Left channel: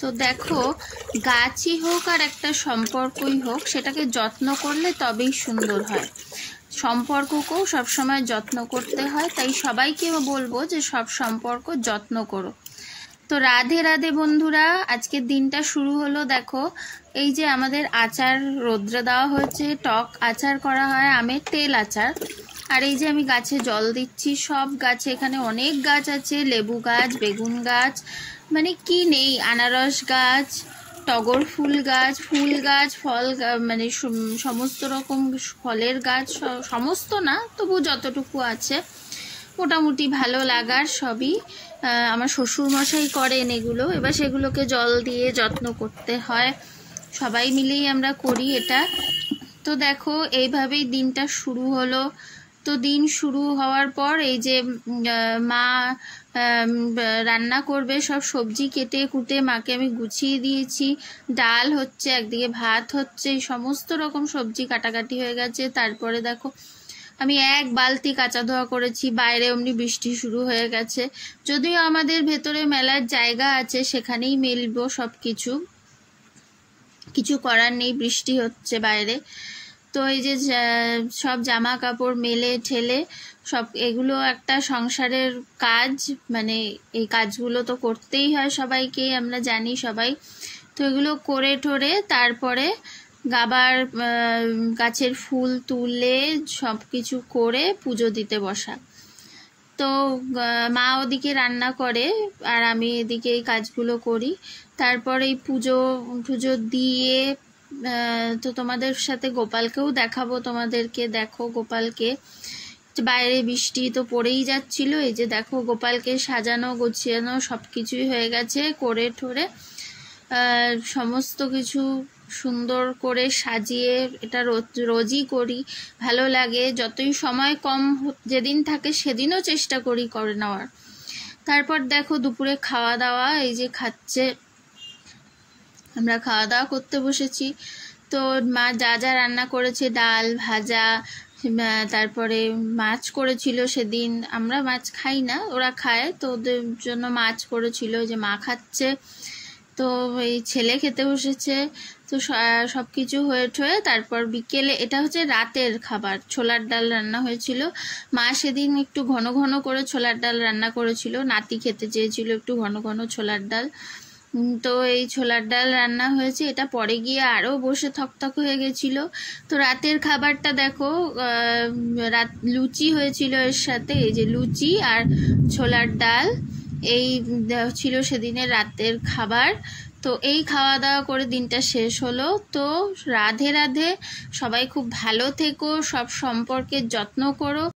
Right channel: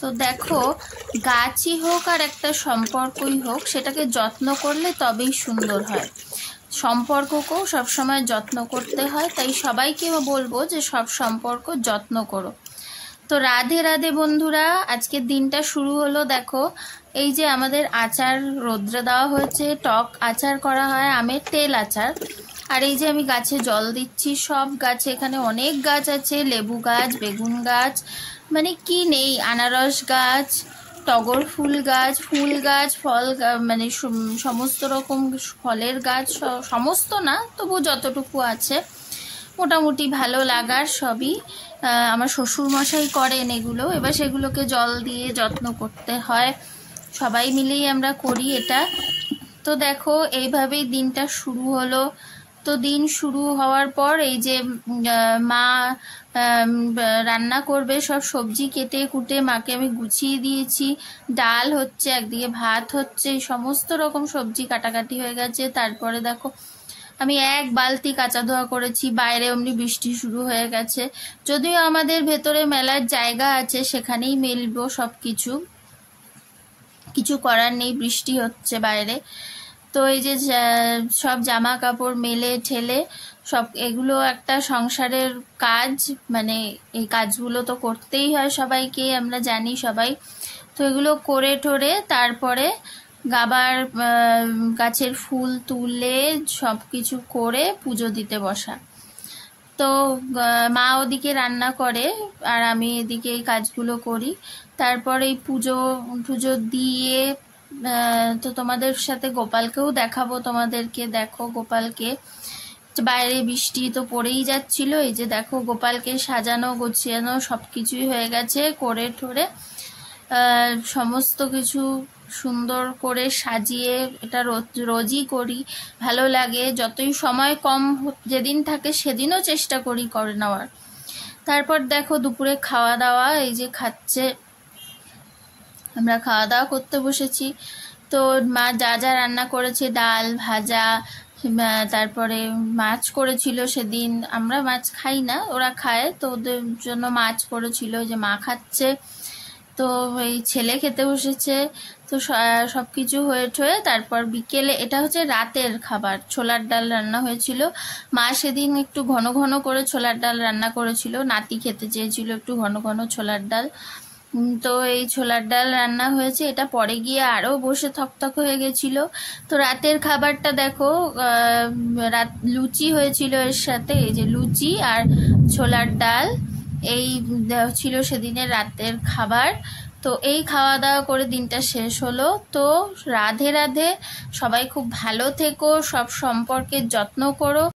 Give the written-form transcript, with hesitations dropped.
তো দেখো, গাছই হোক আর একটা সম্পর্কই হোক, সেটাকে যত্ন করলে তবেই সুন্দর হয়। সম্পর্ককেও সবসময় যত্ন করতে হয়, তাই সবাইকে বলবো যে সব সম্পর্ক যত্ন করো। তো রাধে রাধে বন্ধুরা, আজকের দিনটা শুরু হলো। দেখো, এই যে আমাদের আচার রোদ্রে দেওয়া হয়েছে, টক আচার করা হয়, আমের তেল আচার। আর এই যে আমি গাছে জল দিচ্ছি, সব গাছে, এখানে অনেক গাছ আছে, লেবু গাছ, বেগুন গাছ, মানে কি নেই, আনারস গাছ, টগর ফুল গাছ, ফল মানে সমস্ত রকম ফলের গাছ, সমস্ত না তবু যতটুকু আছে মোটামুটি ভালো লাগার সবই আমার শ্বশুর মশাই করেন এগুলো। এবার সেগুলোকে জল দিয়ে যত্ন করতে হয়, সবাই মিলেই আমরা করি এটা। তো দেখো, এইভাবেই দিনটা শুরু হলো। তো দিন শুরু হওয়ার পর এই যে মা রান্না করবে, সব সবজি কেটে কুটে মাকে আমি গুছিয়ে দিয়েছি। ডাল হচ্ছে, একদিকে ভাত হচ্ছে, সমস্ত রকম সবজি কাটাকাটি হয়ে গেছে। তারপরে দেখো, আমি এক বালতি কাঁচা ধোয়া করেছি, বাইরে অমনি বৃষ্টি শুরু হয়ে গেছে। যদিও আমাদের ভেতরে মেলার জায়গা আছে, সেখানেই মেলবো সব কিছু, কিছু করার নেই, বৃষ্টি হচ্ছে বাইরে। তো এই যে সব জামা কাপড় মেলে ঠেলে সব, এগুলো একটা সংসারের কাজ, মানে এই কাজগুলো তো করতেই হয় সবাইকে, আমরা জানি সবাই। তো এগুলো করে ঠোরে তারপরে আবার গাছের ফুল তুলে সব কিছু করে পুজো দিতে বসা। তো মা ওদিকে রান্না করে আর আমি এদিকে এই কাজগুলো করি। তারপরে এই পুজো দিয়ে তো তোমাদের সাথে গোপালকেও দেখাবো, তোমাদেরকে দেখো গোপালকে। বাইরে বৃষ্টি তো পড়েই যাচ্ছিল, এই যে দেখো গোপালকে সাজানো গোছানো সব কিছুই হয়ে গেছে, করে ঠোরে সমস্ত কিছু সুন্দর করে সাজিয়ে। এটা রোজই করি, ভালো লাগে। যতই সময় কম যেদিন থাকে সেদিনও চেষ্টা করি করে নেওয়ার। তারপর দেখো দুপুরে খাওয়া দাওয়া, এই যে খাচ্ছে, আমরা খাওয়া দাওয়া করতে বসেছি। তো মা যা যা রান্না করেছে, ডাল ভাজা, তারপরে মাছ করেছিল সেদিন, আমরা মাছ খাই না, ওরা খায়, তো ওদের জন্য মাছ করেছিল, যে মা খাচ্ছে। তো এই ছেলে খেতে বসেছে। তো সব কিছু হয়ে ঠয়ে তারপর বিকেলে, এটা হচ্ছে রাতের খাবার, ছোলার ডাল রান্না হয়েছিল। মা সেদিন একটু ঘন ঘন করে ছোলার ডাল রান্না করেছিল, নাতি খেতে চেয়েছিল একটু ঘন ঘন ছোলার ডাল। তো এই ছোলার ডাল রান্না হয়েছে, এটা পরে গিয়ে আরও বসে থকথক হয়ে গেছিল। তো রাতের খাবারটা দেখো, লুচি হয়েছিল এর সাথে, এই যে লুচি আর ছোলার ডাল, এই ছিল সেদিনের রাতের খাবার। তো এই খাওয়া দাওয়া করে দিনটা শেষ হলো। তো রাধে রাধে, সবাই খুব ভালো থেকো, সব সম্পর্কের যত্ন করো।